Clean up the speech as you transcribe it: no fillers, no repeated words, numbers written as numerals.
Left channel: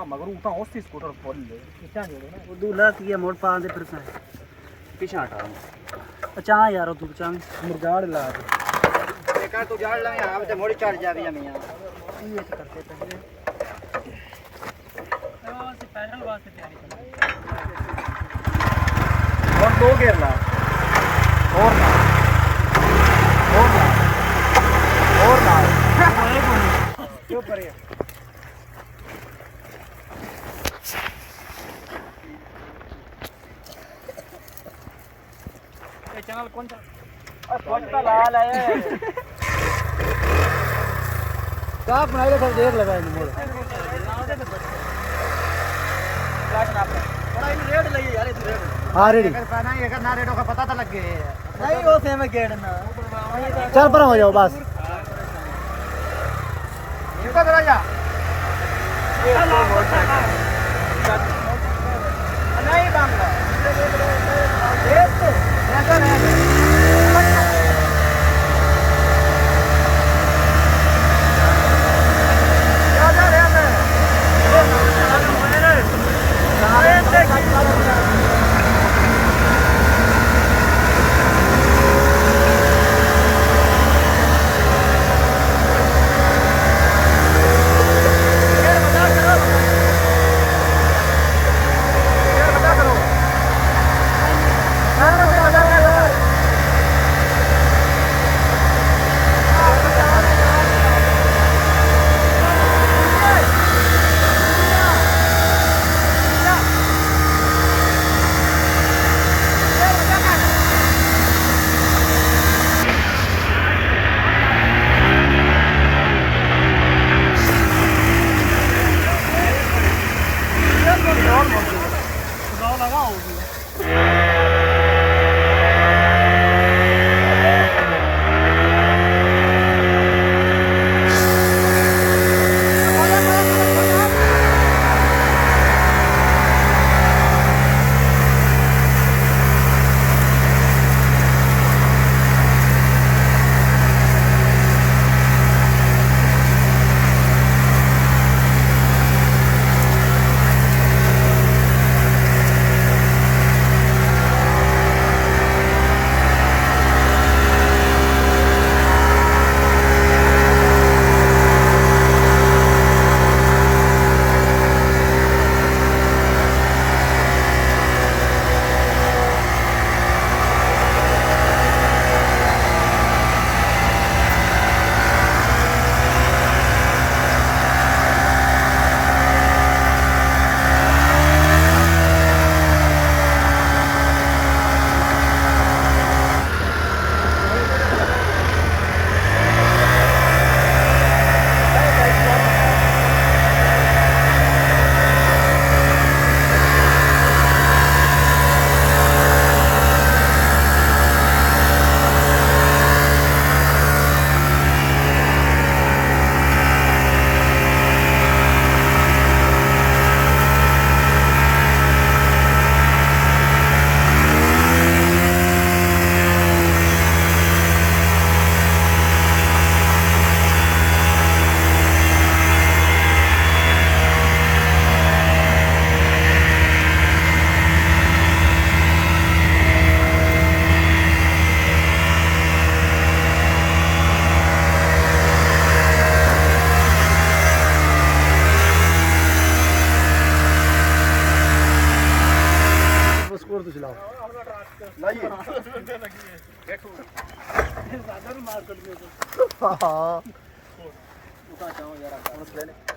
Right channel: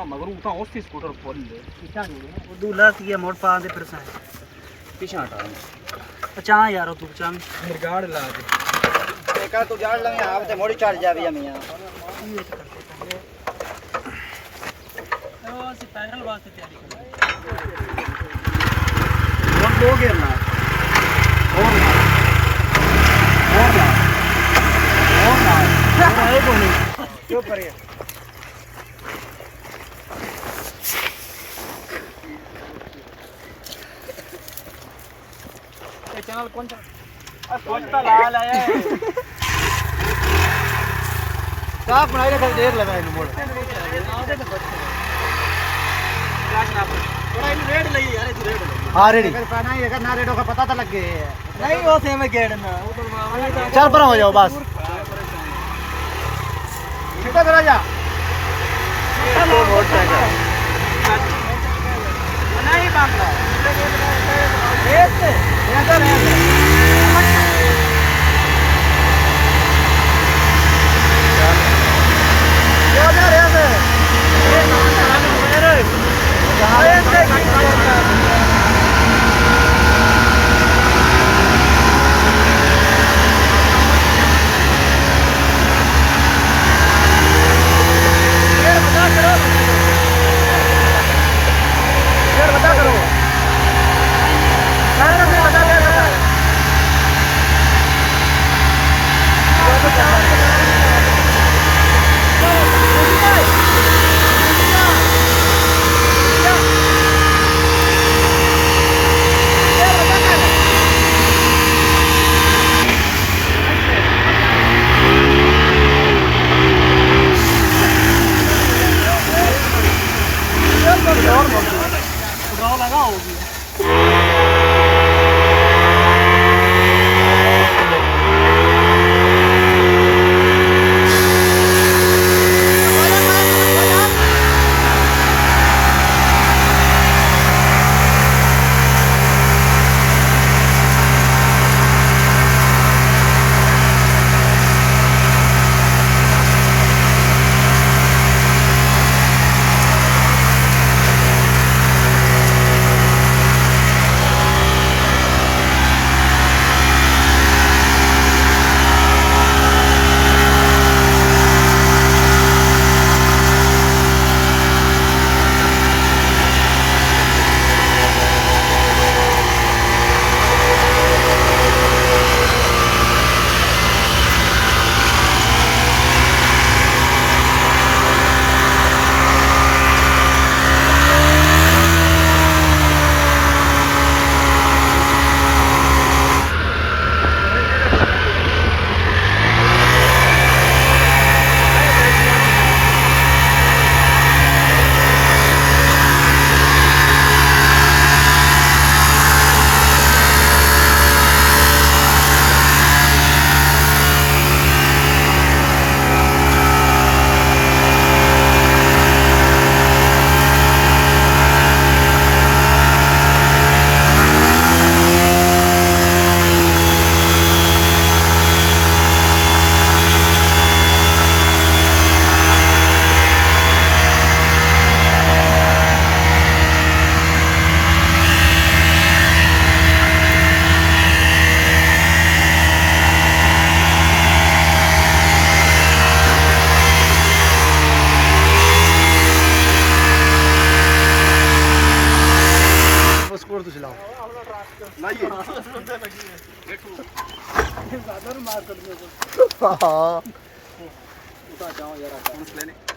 ता मगर उता ओसी स्कूटर खोल ले इतना जोड़ो ना ਉਹ ਦੂਲਾ ਕੀ ਮੋੜ ਪਾ ਦੇ ਫਿਰ ਸੇ पीछे हटा ਅਚਾਂ ਯਾਰ ਤੂੰ ਚਾਂ मिर्गाड़ ला दे का तू जान लगे आप ते मोड़ी चढ़ जावी मियां ਇਹ ਵਿੱਚ ਕਰਦੇ ਪਏ ਉਹ ਅਸੀਂ ਪੈਨਲ ਵਾਸਤੇ ਤਿਆਰ और दो गेर ला और ला और ला और ला ਇਹ ਕੋਈ ਕਿਉਂ ਪਰੇ ਇਹ ਚੈਨਲ ਕੌਣ सा कोणता लाल है का बनाई रखा देर लगा इन मोड़ थोड़ा इन रेड लगी यार इधर रेड हां रेडी ना ये ना रेडो का पता तो लग गए नहीं वो सेम गेट ना चल पर हो जाओ बस चुप करा जा नहीं बांका ये स्कोर तो चलाओ लाइए हां उठा जाओ यार लेने